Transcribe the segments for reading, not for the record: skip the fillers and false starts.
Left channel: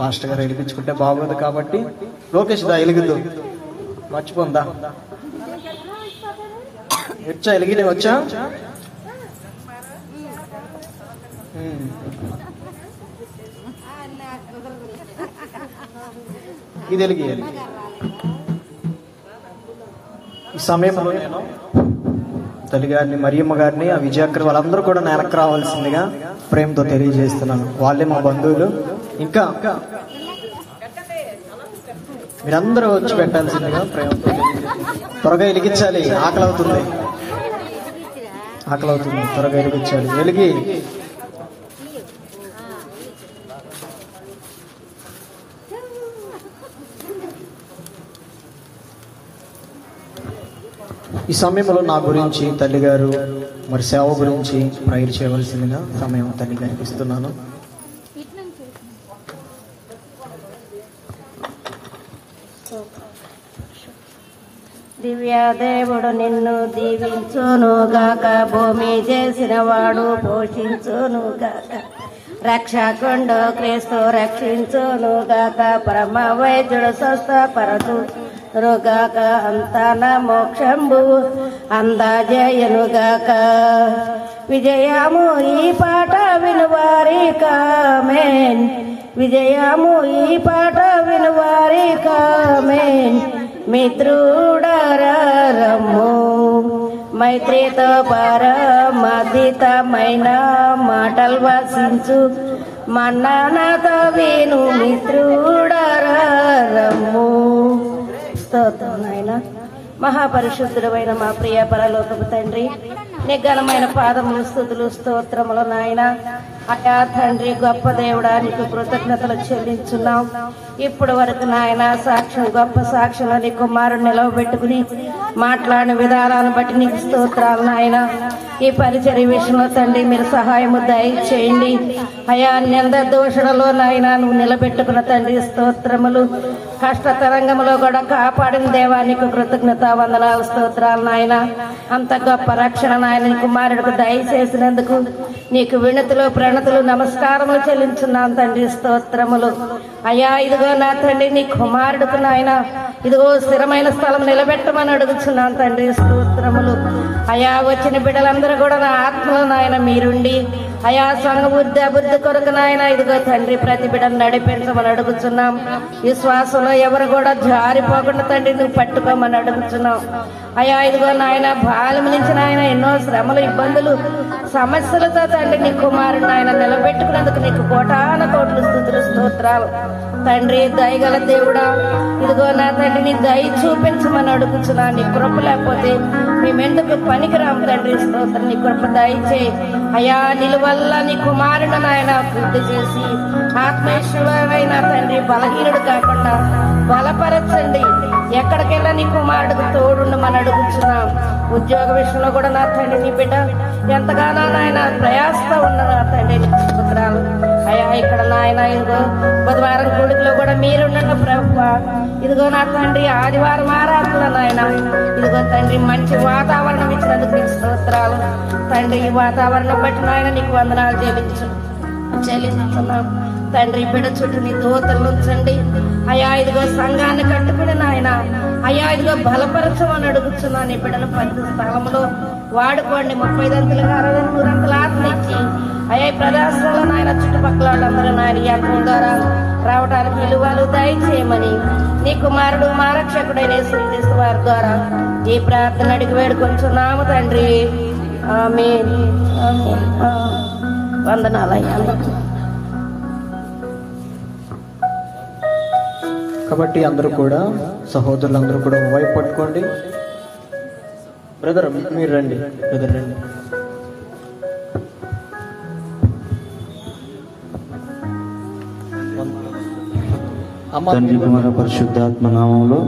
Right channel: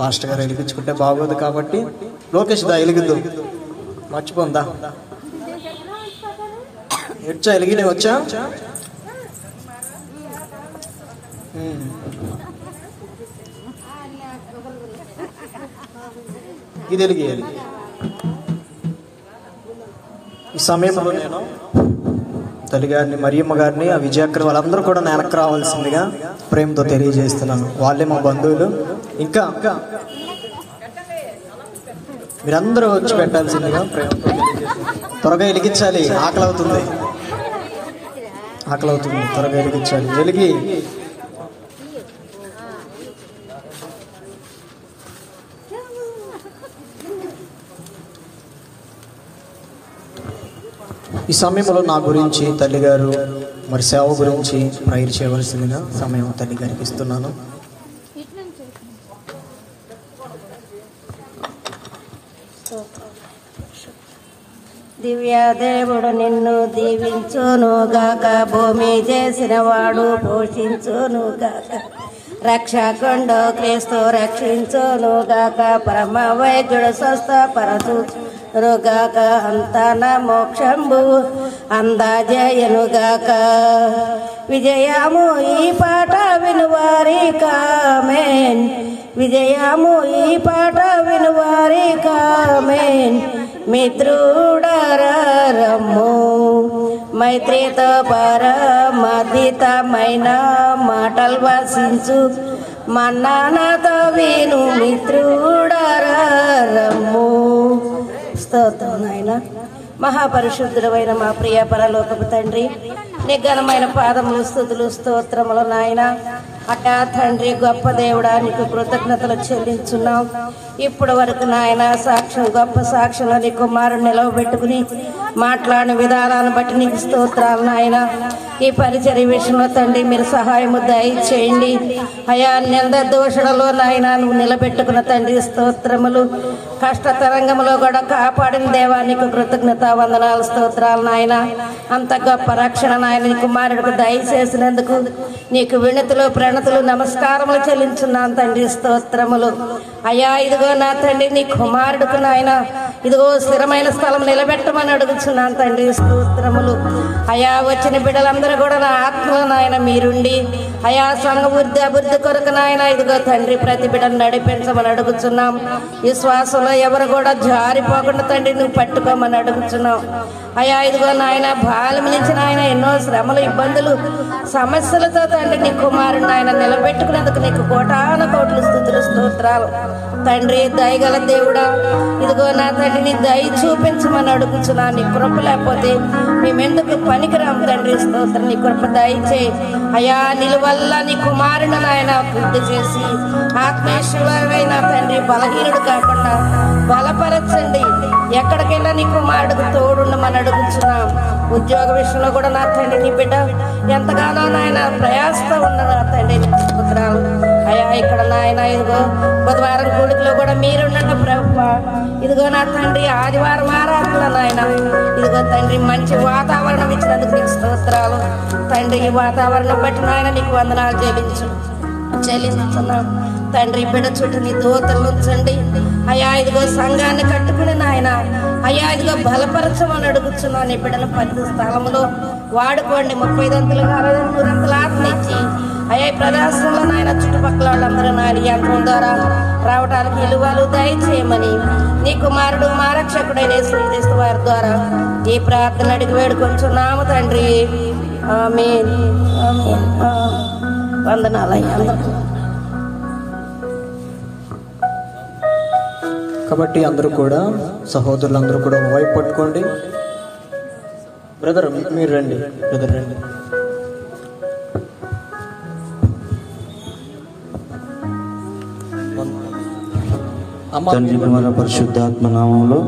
Pastor గారు వెలిగించుకుంటే బాగోదు కాబట్టి లోకేష్ దా వెలిగిద్దు మర్చిపోందా వచ్చా వెలిగి వచ్చా ఇది వెలిగి ఈ సమయంలో నేను తల్లి గారిని మరియమ్మ గారిని ఆ విజయక్కర్ వాళ్ళందరూ కూడా నేలకు రావాల్సిందిగా ప్రేమతో తెలియజేస్తున్నాను. వాళ్ళే మా బంధువులు. ఇంకా మీరందరూ వచ్చి పెట్టాల్సిందిగా ప్రేమతో త్వరగా వెలిగించాలి. ఆకలి అవుతుంది త్వరగా వెలిగించాలి. వెలిగి ఈ సమయంలో నా గురించి తల్లిగారు మరి సేవ గురించి ప్రేయర్ చేయవలసిందిగా సమయం తల్లి గారికి ఇస్తున్నాను. దివ్య దేవుడు నిన్ను దీవించును గాక, భూమి చేసిన వాడు పోషించును గాక, రక్షకుండు క్రీస్తు రక్షించును గాక, పరమ వైద్యుడు స్వస్థపరచును గాక, అంతన మోక్షంబు అందజేయును గాక. విజయము ఈ పాట వినువారి కామెన్, విజయము ఈ పాట వినువారి కామెన్. మిత్రుడరమ్ము మైత్రితో పరమధితమైన మాటలు వసించు మన్నానతో విను మిత్రుడరమ్ము. స్తోత్రం నాయన. మహాపరిశుద్ధుడమైన మా ప్రియ పరలోకపు తండ్రి, నిఘనమైన పాదములు స్తుతులు స్తోత్రములు నాయన. అయా తండ్రి గొప్ప దేవుడానికి కృతజ్ఞతలు చెల్లించున్నాం. ఇప్పటి వరకు నాయన సాక్ష్యం గొప్ప సాక్ష్యంలో నీ కుమారుడు నిలవబెట్టుకుని మాట్లాడిన విధానాలను బట్టి నీకు స్తోత్రాలు నాయన. ఈ పరిచర్య విషయంలో తండ్రి మీరు సహాయము దయచేయండి అయా. నింద దోషణలో నాయన నువ్వు నిలబెట్టుకున్న తండ్రి స్తోత్రములు. కష్ట తరంగంలో కూడా కాపాడిన దేవానికి కృతజ్ఞత వందనాలు స్తోత్రాలు నాయన. అంత గొప్ప రక్షణ నాయన నీ కుమారుడికి దయచేసినందుకు నీకు వినతులు ప్రణతులు నమస్కారములు చెల్లించున్నాను తండ్రి స్తోత్రములు. అయ్యా ఇదిగో నా తండ్రి నీ కుమారుడుకు నాయన ఇదిగో స్థిరమైన స్థలం నిలబెట్టమని అడుగుచున్నాను తండ్రి స్తోత్రములు. అయా వచ్చిన బిడ్డలందరూ కూడా నా ఆత్మలో నాయన మీరుండి అయా సంఘ అభివృద్ధి కొరకు నాయన ఇదిగో తండ్రి ప్రతి బిడ్డను నడిపించమని అడుగుచున్నాం. విశ్వాసంలో ఎవరు కూడా జారిపోకుండా తండ్రి నువ్వు పట్టుకోమని అడుగుచున్నాం. అయా ఇదిగో నాయన బాల్యం నుంచి నాయన ఎన్నో శ్రమలు ఇబ్బందులు సమస్యలతో తండ్రి నీ కుమారుడు నాయన నిలబెట్టుకున్నందుకు నీకు కోటాన కోట్లు స్తుతులు స్తోత్రాలు తండ్రి. దయగల దేవుడా ఇదిగో నా తండ్రి నీ దయ చూపించమని అడుగుచున్నా. నీ కృప లేకపోతే మేమెందుకు పనికిరాం తండ్రి స్తోత్రం. నీ కృప దయచేయి అయా. నిలువల్ల నీ కుమారుడు నాయన పూర్తి చేసి ఆత్మేశ్వరైన తండ్రి బలహీనుడు కాకుండా బలపరచండి. ఎక్కడికెళ్ళా నీ కుమారుడికి తోడుండమని అడుగుచున్నాం. ఉద్యోగ విషయంలో కూడా నా తండ్రి నీ బిడ్డ ఎంతగానో నాయన ప్రయాసతో ఉన్న నా తండ్రి పుత్రాలు అయా. ఇక్కడ నాయన ఇదిగో బుధవారం గుడిలో కూడా మీరున్నట్టు ప్రభుత్వ ఇదిగో నా తండ్రి ఆదివారం ఆరాధనలో నాయన ఇదిగో తండ్రి మంచి వాతావరణం ఇచ్చినందుకు నీకు స్తోత్రాలు తండ్రి. ఈ వాతావరణం బట్టి నాయన నీకు వందనాలు చెల్లిస్తున్నాం తండ్రి. బిడ్డ చుట్టూ నీ దూతలు ఉంచండి అయా. ఇదిగో సంఘాన్ని కట్టుకుని నాయన అయ్యా ఇదిగో బలపరచమని అడుగుచున్నాను. నీ బిడ్డల ప్రతి స్థలంలో వాడుకోండి. 30 అంతులు 60 అంతులు ఆత్మనిచ్చి అయ్యా ప్రదేశంలో నాయన చుట్టుపక్కల వాళ్ళందరూ నాయన యంత్రం ద్వారా రావడానికి విలువలు దయచేయమని నీ కుమారుడు మా రక్షకుడైన యేసుక్రీస్తు వారి ద్వారా ఈ ప్రార్థన అడిగి వేడుకొంచున్నాము తండ్రి. ఆమేన్ ఆమేన్. వందనాలయ్యా. కాబట్టి అందరూ కూడా సహోదరులందరూ కూడా వైపు పట్టుకోండి. బ్రదర్ మీరు రండి, బ్రదర్ రండి. తండ్రి కుమార పరిశుద్ధాత్మ నామంలో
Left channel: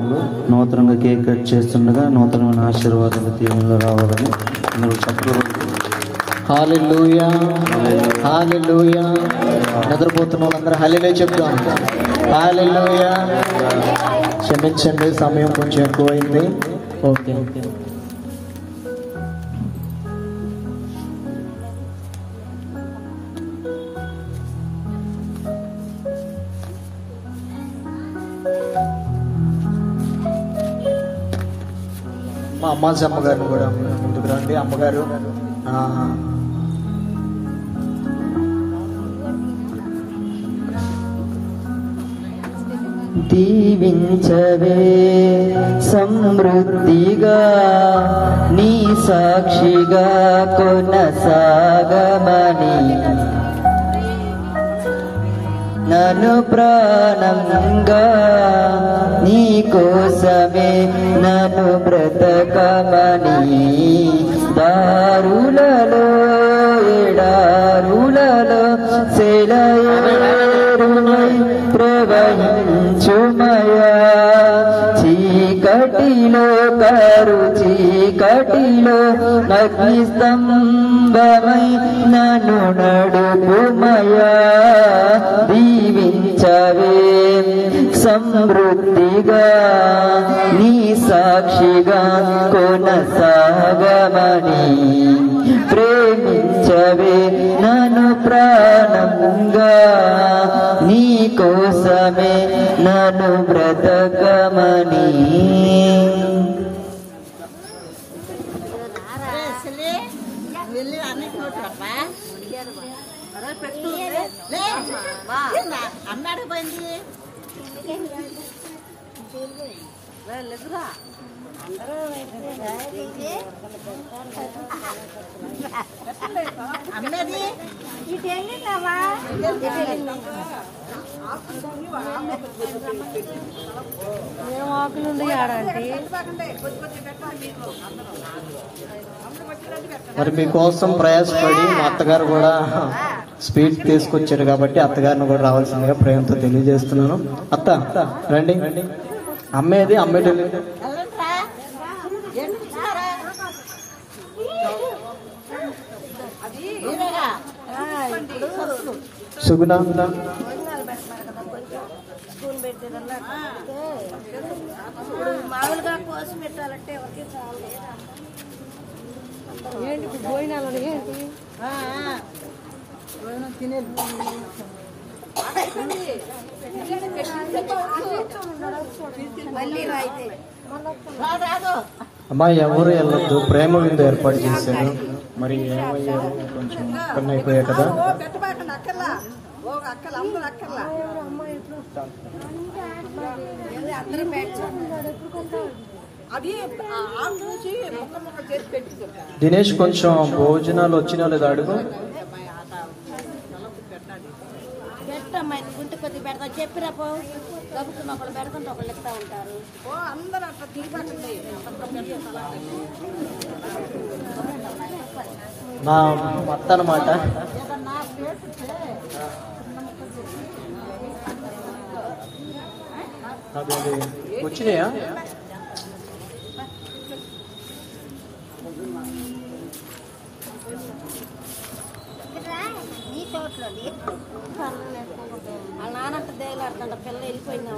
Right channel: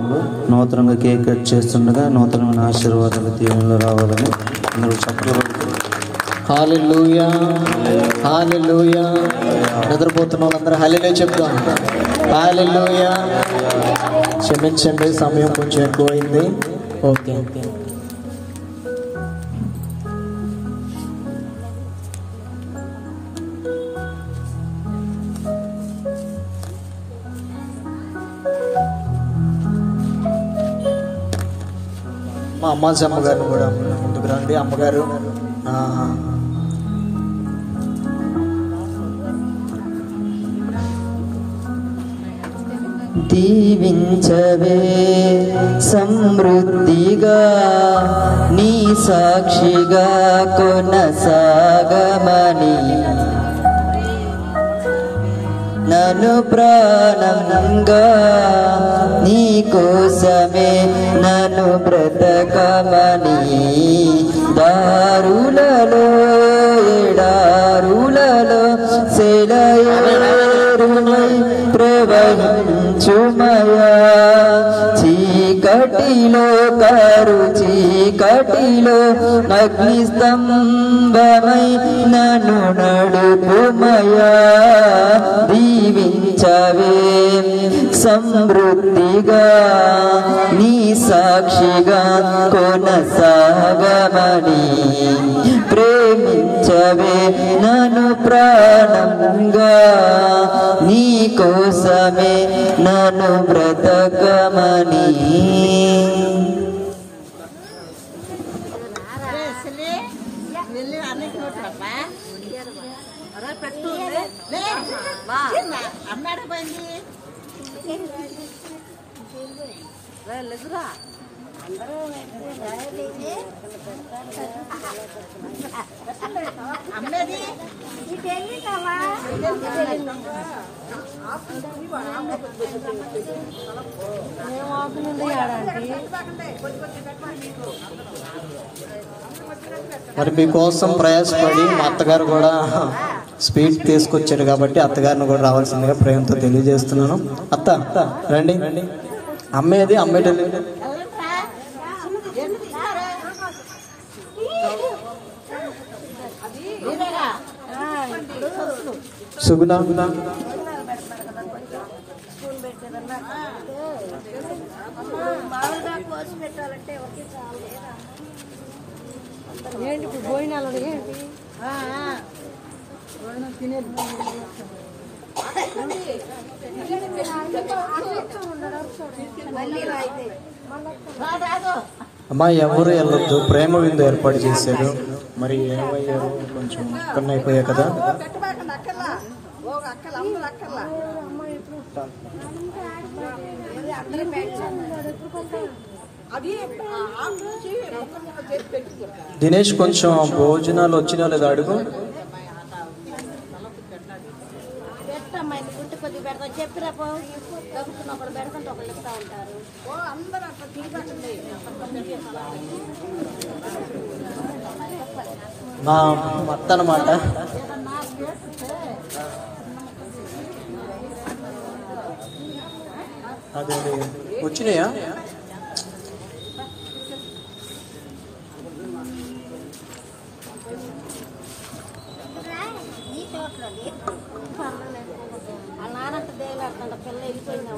నూతనంగా కేక్ కట్ చేస్తుండగా నూతనమైన ఆశీర్వాదాలు దీవెనలు రావాలని మీరు చక్కగా హల్లెలూయా హల్లెలూయా. నిద్రపోతున్న వాళ్ళందరూ హల్లెలూయా చెప్తాం. హల్లెలూయా. క్షమించండి, సమయం కొంచెం ఎక్కువైంది. Okay okay. మా అమ్మాజీ అమ్మగారిని కూడా ముందుకు రండి. అమ్మగారు దీవించవే సమృద్ధిగా నీ సాక్షిగా కొనసాగమని నన్ను ప్రాణంగా నీ కోసమే నన్ను బ్రతకమని దారులలో ఎడారులలో సెలయేరుమై ప్రవహించుమయా చీకటిలో కరు చీకటిలో అగ్ని స్తంభమై నన్ను నడుపుమయా దీవించవే సమృద్ధిగా నీ సాక్షిగా కొనసాగమని ప్రేమించవే నన్ను ప్రాణంగా నీ కోసమే నన్ను బ్రతకమని మరి మీకోసం ప్రయాసపడి మా అత్తగారు కూడా స్వీట్ తీసుకొచ్చారు కాబట్టి అత్తగారిని కూడా రావాల్సిందిగా ప్రేమతో తెలియజేస్తున్నాను. అత్త రండి. అమ్మేది అమ్మేది సుగుణ ఏంటి ఇప్పుడు భోజనాలు ఏంటి తినేది అమ్మా ఎవరు వెళ్ళొద్దు, ప్రేమ విందు ఏర్పాటు చేశారు. మరి ఏమయ్యారు, కొంచెం పని అయిపోయాయి కదా. దినేష్ కొంచెం భోజనాలు వచ్చినా లేదా అడుగు. మా అత్త అన్నమాట. అదే వచ్చినాయా? పిల్ల వెళ్ళిపోయింది.